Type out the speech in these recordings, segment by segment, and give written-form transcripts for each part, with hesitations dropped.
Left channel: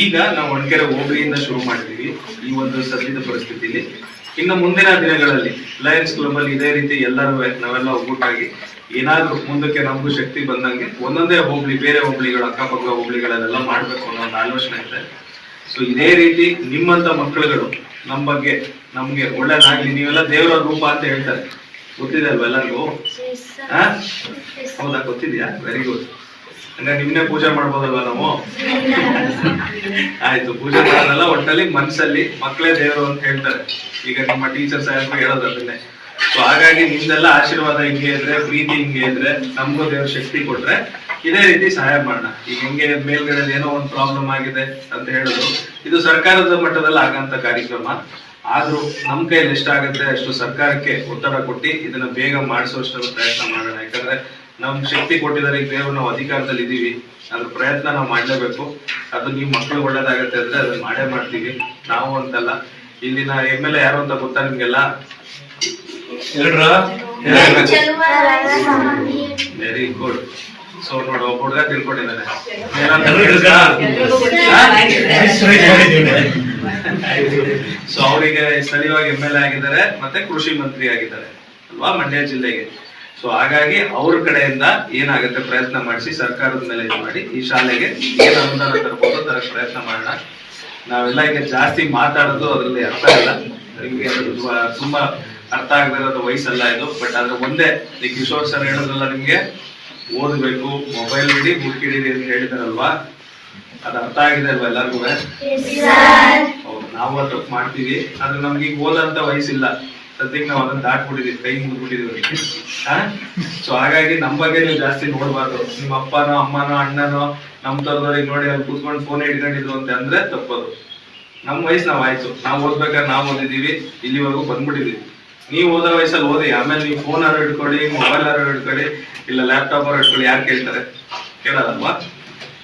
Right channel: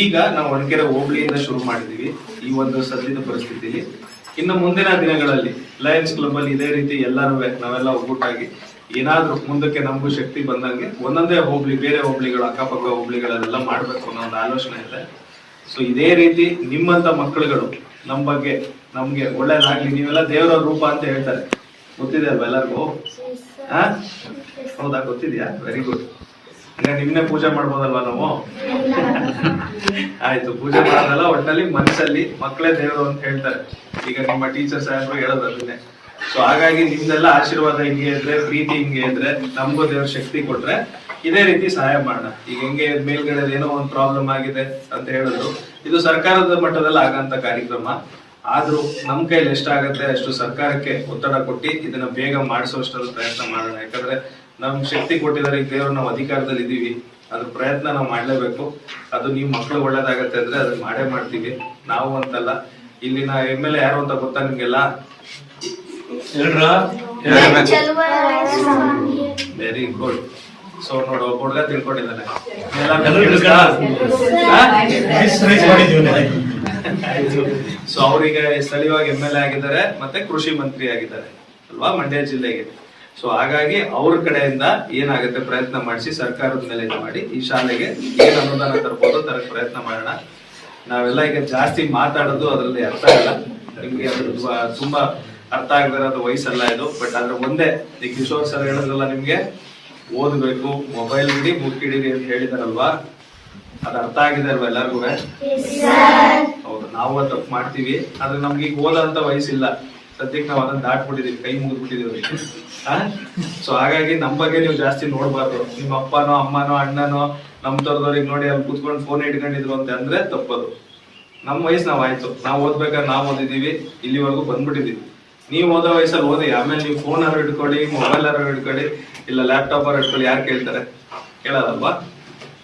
ಈಗ ನಾವು ಹೊಣಕೆರೆ ಹೋಬಳಿಯಿಂದ ಶುರು ಮಾಡಿದೀವಿ ಈ ಒಂದು ಸದ್ಯದ ಪರಿಸ್ಥಿತಿಲಿ. ಇನ್ನು ಮುಂದಿನ ದಿನಗಳಲ್ಲಿ ಲಯನ್ಸ್ ಕ್ಲಬ್ ಅಲ್ಲಿ ಇದೇ ರೀತಿ ಎಲ್ಲರೂ ನಾವೆಲ್ಲ ಒಗ್ಗೂಟಾಗಿ ಏನಾದ್ರೂ ಮುಂದಕ್ಕೆ ನಮಗೂ ಶಕ್ತಿ ಬಂದಂಗೆ ಒಂದೊಂದೇ ಹೋಬಳಿ, ಬೇರೆ ಹೋಬಳಿಗಳು, ಅಕ್ಕಪಕ್ಕ ಹೋಬಳಿಗಳಲ್ಲೆಲ್ಲ ಮಾಡ್ಬೇಕು ಅನ್ನೋ ಒಂದು ಆಲೋಚನೆ ಇದೆ. ಸೊ ಇದೇ ರೀತಿ ನಿಮ್ಮಂತ ಮಕ್ಕಳುಗಳು ನಮ್ಮ ಬಗ್ಗೆ ನಮ್ಗೆ ಒಳ್ಳೇದಾಗ್ಲಿ. ನೀವೆಲ್ಲ ದೇವರ ರೂಪ ಅಂತ ಹೇಳ್ತಾರೆ, ಗೊತ್ತಿದೆ ಅಲ್ವಾ ಎಲ್ಲರಿಗೂ? ಹೌದಾ, ಗೊತ್ತಿದ್ಯಾ? Very good. ಹಂಗಾರೆ ನಿಮ್ನೆ ಪೂಜೆ ಮಾಡ್ಬೋದಲ್ವಾ ನಾವು? ಆಯ್ತು, ಪೂಜೆ ಮಾಡೋದಲ್ಲ, ಒಟ್ಟಲ್ಲಿ ಮನಸ್ಸಲ್ಲಿ ಮಕ್ಕಳೇ ದೇವರು ಅಂತ ಹೇಳ್ತಾರೆ. ಈಗ ನಿಮ್ಮ ಟೀಚರ್ ಸಾಹೇಬ್ರು ಹೇಳೋದು ಅದನ್ನೇ. ಸೊ ಹಾಗಾಗಿ ನಿಮ್ದೆಲ್ಲ ಆಶೀರ್ವಾದ ಹಿಂಗೆ ಇದ್ರೆ, ಪ್ರೀತಿ ಹಿಂಗೆ ಇದ್ರೆ, ನಮಗೂ ದೇವ್ರ ಶಕ್ತಿ ಕೊಟ್ರೆ ಇದೇ ರೀತಿ ಸಹಾಯ ಮಾಡೋಣ. ಈಗ ಹೆಂಗೆ ಮೇಲ್ಗಡೆ ಏನೋ ಒಂದು ಪ್ರಾಬ್ಲಮ್ ಆಗಿದೆ ಅಂತ ಹೇಳಿದ್ರು, ಇದು ಸರ್ಕಾರದ ಮಟ್ಟದಲ್ಲಿ ಆಗಂತ ಕಾರ್ಯಕ್ರಮ. ಆದ್ರೂ ನಮ್ ಕೈಲಿ ಎಷ್ಟಾಗತ್ತೆ ಅಷ್ಟು ಸರ್ಕಾರಕ್ಕೆ ಒತ್ತಡ ಕೊಟ್ಟು ಇದನ್ನ ಬೇಗ ಮಾಡಿಸೋಷ್ಟರ ಪ್ರಯತ್ನ ಮಾಡೋಣ. ಯಾಕಂದ್ರೆ ನಮ್ ಶಕ್ತಿ ಕೊಟ್ಟಿದ್ದಾರೆ, ಈಗ ದೇವ್ರು ನಾವು ಅಧಿಕಾರದಲ್ಲಿ ಇದೀವಿ, ಅದ್ರ ಪ್ರಯತ್ನ ನಾವು ಮಾಡ್ಲೇಬೇಕು. ಅದು ನೀವು ಮಕ್ಕಳು ಒಳ್ಳೇದಾಗತ್ತೆ ಅಂದ್ರೆ ಅದನ್ನ ಮಾಡೇ ಮಾಡ್ತೀವಿ. ನಾವು ಅಂತಲ್ಲ, ಇಲ್ಲಿನ MLA ಯಾರು ಅಂತ ಗೊತ್ತಾ ನಿಮ್ಗೆಲ್ಲ? Very good. ಸೊ ನೋಡು, ಒಬ್ಬ ಹುಡುಗ ತಿಳ್ಕೊಂಡಿದ್ದಾನೆ. ಸೊ ಅವರಿಗೆ ಸ್ಥಳೀಯವಾಗಿ MLA ಆಗಿದ್ದಾರೆ, ಮತ್ತೆ ಕೃಷಿ ಮಂತ್ರಿ ಆಗಿದ್ದಾರೆ ಅಲ್ವಾ ಮಂಡ್ಯ ಜಿಲ್ಲೆಗೆ. ಸೊ ಹಾಗಾಗಿ ಅವ್ರ ಕಡೆಯಿಂದ ಏನಾಗುತ್ತೆ ಪ್ರಯತ್ನ ಮಾಡಿಸಿ ಸರ್ಕಾರದ ಮೇಲೆ ಇದು ಮಾಡಿ ಈ ಶಾಲೆಗೆ ಏನ್ ಅನುದಾನ ತರಬಹುದು ತರ ಪ್ರಯತ್ನ ಮಾಡೋಣ. ನಾವೆಲ್ಲ ಈಗ ಜಾಸ್ತಿ ಮಾತಾಡೋದು ಅದ್ರಲ್ಲಿ ಅರ್ಥ ಇಲ್ಲ, ನಿಮ್ಗೆ ತುಂಬಾ ಅರ್ಥ ಆಗದಿರೋದು ವಯಸ್ಸಲ್ಲ ಇದು. ಬಟ್ ಆದ್ರೆ ಒಂದೇ, ಈ ಕಿಶೋರ್ ಸರ್ ಹೇಳಿದ್ರಲ್ಲ, ನಿಮ್ಗೆ ಓದ್ಬೇಕು, ಮೊಬೈಲ್ ಹಿಡಿ, ಬುಕ್ ಹಿಡೀರಿ ಅಂತ ಹೇಳಿದಾರಲ್ವಾ, ಅದು ಅರ್ಥ ಆಗಿದೆ ಅಲ್ವಾ ಎಲ್ಲರಿಗೂ? ಹೌದು, ನಾವು ತಪ್ಪು ಮಾಡ್ತೀವಿ. ಆದ್ರೆ ನಮ್ಗೆ ಈಗ ಓದಂತ ವಯಸ್ಸಿಲ್ಲ, ಸದ್ಯಕ್ಕೆ ನಾವು ಅದನ್ನ ದಾಟ್ಬಿಟ್ಟಿದೀವಿ, ಕೈ ಮುಗಿದ್ಬಿಟ್ಟಿದೀವಿ. ಸೊ ಹಾಗಾಗಿ ನಮ್ ಬಗ್ಗೆ ನೀವು ಜಾಸ್ತಿ ನೋಡ್ಬಾರ್ದು. ನಿಮ್ಮ ಅಪ್ಪನೋ ಅಮ್ಮನೋ ಅಣ್ಣನೋ ನಮ್ ತರದವ್ರಿಗೆ ನೋಡಿ ಅಲ್ಲಿ ಕೂತ್ಕೊಂಡು ಫೋನ್ ಇಟ್ಕೊಂಡಿದ್ರು ಅಂತ ಅಂದ್ರೆ ತಪ್ಪದು. ನಮ್ ವಯಸ್ಸು ನಾವ್ ಆಯ್ತು, ನಾವ್ ಓದ್ಬೇಕಾದ್ರೆ ನಾವ್ ಓದಿದೀವಿ, ಇಲ್ಲಿವರೆಗೂ ಬಂದ್ಬಿಟ್ಟಿದೀವಿ. ನೀವು ಓದೋ ವಯಸ್ಸಲ್ಲಿ ಓದಿ, ಆಮೇಲೆ ನೀವು ಫೋನ್ ಆರು ಹಿಡ್ಕೊಳ್ಳಿ, ಮೊಬೈಲ್ ಆರು ಹಿಡ್ಕೊಳ್ಳಿ, ಇಲ್ಲ ಲ್ಯಾಪ್ಟಾಪ್ ಆರು ಹಿಡ್ಕೊಳ್ಳಿ, ಯಾರು ಕೇಳ್ತಾರೆ? ಕೇಳೋದಲ್ವಾ?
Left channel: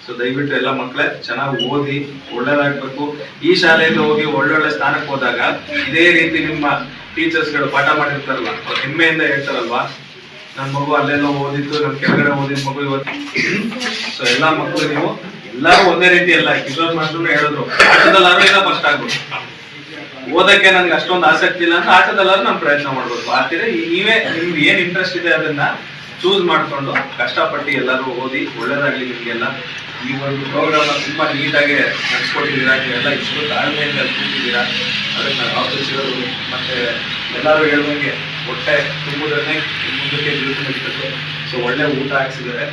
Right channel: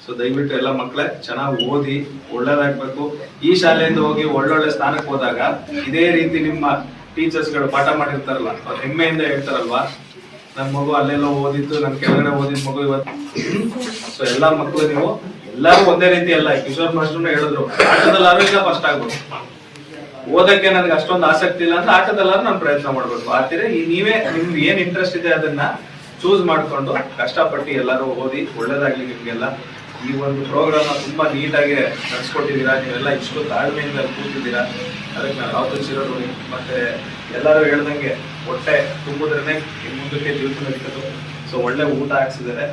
ಸೊ ದಯವಿಟ್ಟು ಎಲ್ಲ ಮಕ್ಕಳೇ ಚೆನ್ನಾಗಿ ಓದಿ ಒಳ್ಳೇದಾಗ್ಬೇಕು. ಈ ಶಾಲೆಯಲ್ಲಿ ಹೋಗಿ ಒಳ್ಳೊಳ್ಳೆ ಸ್ಥಾನಕ್ಕೆ ಹೋದಾಗ ಇದೇ ರೀತಿ ನಿಮ್ಮ ಟೀಚರ್ಸ್ ಗಳು ಪಾಠ ಮಾಡಿರ್ತಾರಲ್ಲ, ಅವ್ರು ಹೆಮ್ಮೆಯಿಂದ ಹೇಳ್ತಾರಲ್ವಾ, ನನ್ ಮಗು ಅಲ್ಲೆಲ್ಲೋ ಓದಿತ್ತು, ನನ್ ಕೆಳಗಡೆ ಓದಿದ ಮಗು ಇವತ್ತು. ಸೊ ಎಲ್ಲಾ ಮಕ್ಕಳು ನೀವು ಎಲ್ಲಾರು ಒಂದೇ ರೀತಿ ಅಲ್ಲ. ಕಿಶೋರ್ ಮಾಸ್ಟರ್ ಹೇಳಿದ್ರು, ಆಟದಲ್ಲಾರು ಇಲ್ಲ ಫಸ್ಟ್ ಆಗ್ಬೇಕು. ಓದಕ್ಕೆ ನನ್ಗೆ ಅಷ್ಟೊಂದು ಆಸಕ್ತಿ ಇಲ್ಲ ಅಂತ ಆಟದಲ್ಲಾರು ನಾನು ಪ್ರಯತ್ನ ಮಾಡ್ಬೇಕು. ಆತರ ನೀವೇ ನಿಮ್ಗೆ ಏನ್ ಇಂಟ್ರೆಸ್ಟ್ ಇದೆ ಅದನ್ನ ಚೂಸ್ ಮಾಡ್ಕೊಂಡು ಕಷ್ಟಪಟ್ಟು ಎಲ್ಲರೂ ಓದಿ ಒಳ್ಳೇದಾಗ್ಲಿ ನಿಮ್ಗೆಲ್ಲ. ಈ ಒಂದು ಪ್ರೋಗ್ರಾಮ್ ತುಂಬಾ ನೀಟಾಗಿ ನಡೆಸ್ಕೊಟ್ಟಿದ್ದೀರಾ, ನೀವೆಲ್ಲ ಇಷ್ಟು ತಾಳ್ಮೆಯಿಂದ ಕೂತಿದ್ದೀರಾ, ಅದಕ್ಕೆ ನಾವು ಯಾವತ್ತೂ ಸಿಗೋದು. ಮತ್ತೆ ಎಲ್ಲರೂ ಹೇಳ್ದಂಗೆ ಹೊಟ್ಟೆ ತುಂಬುದ್ರೆ ಮುಂದಕ್ಕೆ ಜೀವನ ನಡೀತದೆ. ಸೊ ಒಳ್ಳೆ ಊಟ ಹಾಕ್ಸಿದ್ದಾರೆ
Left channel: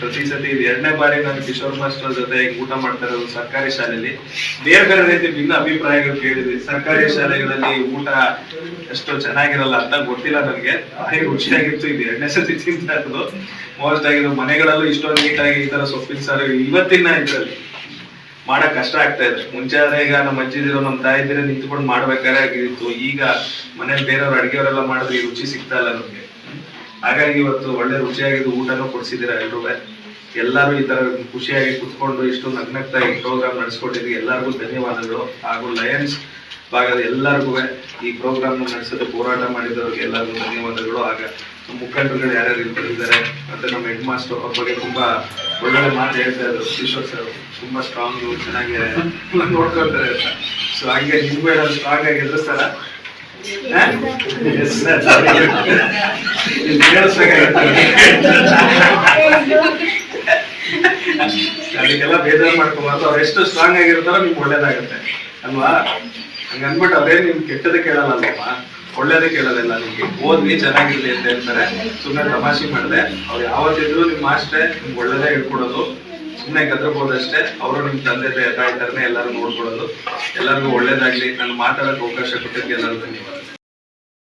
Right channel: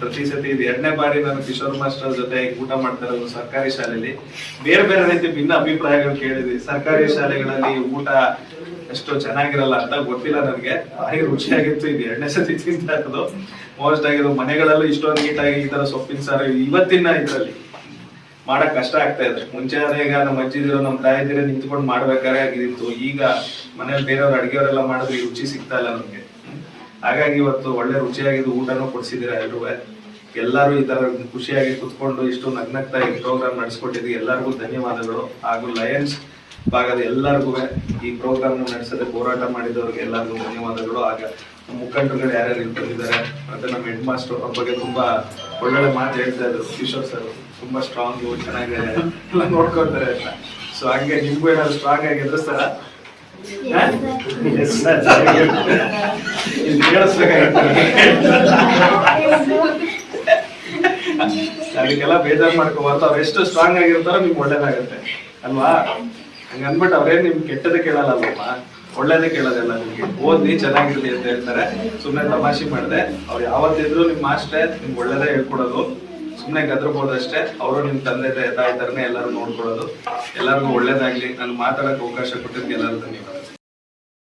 ಪ್ರತಿ ಸತಿ. ಇದು 2ನೇ ಬಾರಿ ನಾನು ಕಿಶೋರ್ ಮಾಸ್ಟರ್ ಜೊತೆ ಊಟ ಮಾಡ್ತಾ ಇರೋದು ಸರ್ಕಾರಿ ಶಾಲೆಯಲ್ಲಿ. ಬೇರೆ ಬೇರೆ ರೀತಿ ಭಿನ್ನ ಅಭಿಪ್ರಾಯಗಳು ಕೇಳಿದ್ವಿ. ಸರ್ಕಾರಿ ಶಾಲೆಗಳಲ್ಲಿ ಊಟ ಎಷ್ಟು ಚೆನ್ನಾಗಿರಲ್ಲ ಅಂತ ಗೊತ್ತಿಲ್ಲ ನನಗೆ, ಭಾರಿ ರುಚಿಯಾಗಿತ್ತು. ಇದು 2ನೇ ಸತಿ ತಿಂತಾ ಇರೋದು. ಮೋಸ್ಟ್ ಆಗಿರೋ ಮನೆಗಳಲ್ಲೂ ಇಷ್ಟೊಂದು ನೀಟಾಗಿ ಈ ತರ ಸೊಪ್ಪಿನ ಸಾರು ಇವತ್ತಿನ ಇದ್ರಲ್ಲಿ ಮಾಡಕ್ ಕಷ್ಟ ಆಗ್ತಾ ಇದೆ. ಮುಂಚೆ ಆದ್ರೆ ಈಗ ನಮ್ಮ ಅಜ್ಜಿದಿರೋ ನಮ್ಮ ತಾಯಿದಿರೋ ನಿಂತ್ಕೊಂಡು ಮಾಡ್ಬೇಕಾದ್ರೆ ಆಗಿತ್ತು. ಈಗ ಮನೇಲಿ ಬೇರೆಯವ್ರು ಅಡಿಗೆಯವರೆಲ್ಲ ಮಾಡಿದ್ರೆ ಈ ರುಚಿ ಸಿಗ್ತಾ ಇಲ್ಲ ನಮ್ಗೆ. ಹಾಗಾಗಿ ಇವತ್ತು ಒಳ್ಳೆ ರುಚಿಯಾಗಿದ್ದು ಊಟನೂ ಕೊಡ್ಸಿದ್ದೀರಾ ಎಲ್ರೂ. ಎಲ್ಲರೂ ಈ ತರ ಖುಷಿಯಾಗಿ ಕುತ್ಕೊಂಡು ಇಷ್ಟು ನಗ್ನಗ್ತಾಗಿ ಪ್ರೋಗ್ರಾಮ್ ನಡೆಸ್ಕೊಟ್ಟಿದ್ವಿ. ಎಲ್ಲರಿಗೂ ಧನ್ಯವಾದಗಳು. ಹಾಗೂ ಲಯನ್ಸ್ ಭಾಗದ ಎಲ್ಲರಿಗೂ ಈ ಪ್ರೋಗ್ರಾಮ್ ನಡೆಸೋದಕ್ಕೆ ಹೋರಾಟ ಮಾಡಿದವ್ರಿಗೆ ಎಲ್ಲರಿಗೂ ಧನ್ಯವಾದಗಳು. ಆಗ ಮುಖಂಡರುಗಳು ಯಾರ್ಯಾರು ಇರ್ತಾರೆ, ಮತ್ತೆ ನಮ್ಮ ಹೆಡ್ ಮಾಸ್ಟರ್ ಅವ್ರ ಬಗ್ಗೆ ತುಂಬಾ ಒಳ್ಳೊಳ್ಳೆ ಮಾತು ಹೇಳ್ತಾ ಇದ್ರು. ಕಿಶೋರ್ ಸರ್ ತುಂಬಾ ಸ್ಟ್ರಾಂಗ್, ಚೆನ್ನಾಗಿ ನೋಡ್ಕೊಳ್ತಾರೆ ಅಂತ. ಸೊ ಹಾಗೆ ನಿಮ್ಗೂ ಏನಾದ್ರು ಸ್ಟ್ರಾಂಗ್ ಆಗಿ ಎದುರಿಸ್ತಾರ? ಅದಕ್ಕೆಲ್ಲ ಬೇಜಾರು ಮಾಡ್ಕೋಬಾರ್ದು. ಅವ್ರು ಎಷ್ಟು ಸ್ಟ್ರಾಂಗ್ ಆಗಿರ್ತಾರೋ ನಿಮ್ಗೆ ಒಳ್ಳೇದಾಗತ್ತೆ ಅಲ್ವಾ? ಹಂಗ ಅನ್ಬಿಟ್ಟು ಅವ್ರೇನ್ ನಿಮ್ಗೆ ಕೆಟ್ಟದ ಕೇಳಲ್ಲ ಅಲ್ವಮ್ಮ, ಒಳ್ಳೇದೇ ಕೇಳೋದಿಲ್ಲ. ನಿಮ್ಗೆ ಓದ್ಲಿ ಚೆನ್ನಾಗಿರ್ಲಿ ಅಂತ ಹೇಳ್ತಾರೆ. ಸುಮ್ಮನೆ ತಮಾಷೆ ಮಾಡಿದೆ. ಅವ್ರು ಯಾವತ್ತಿದ್ರು ನಿಮ್ಮ ಮಾಸ್ಟ್ರೆ ನಿಮ್ಗೆ ಒಳ್ಳೇದೇ ಹೇಳ್ಕೊಡೋದು. ಸುಮ್ಮನೆ ಗದ್ರಬೋದಷ್ಟೇ. ಅವರು ನಿಮ್ ತಂದೆ ತಾಯಿ ತರನೇ ಎಲ್ಲರೂ ನೋಡ್ಕೊಳ್ಳೋದು. ಎಲ್ಲರಿಗೂ ಒಳ್ಳೇದಾಗ್ಲಿ. ನಾನು ಮಾತಾಡೋಕೆ ಅವಕಾಶ ಕೊಟ್ಟಿದ್ದಕ್ಕೆ ಎಲ್ಲರಿಗೂ ಧನ್ಯವಾದ.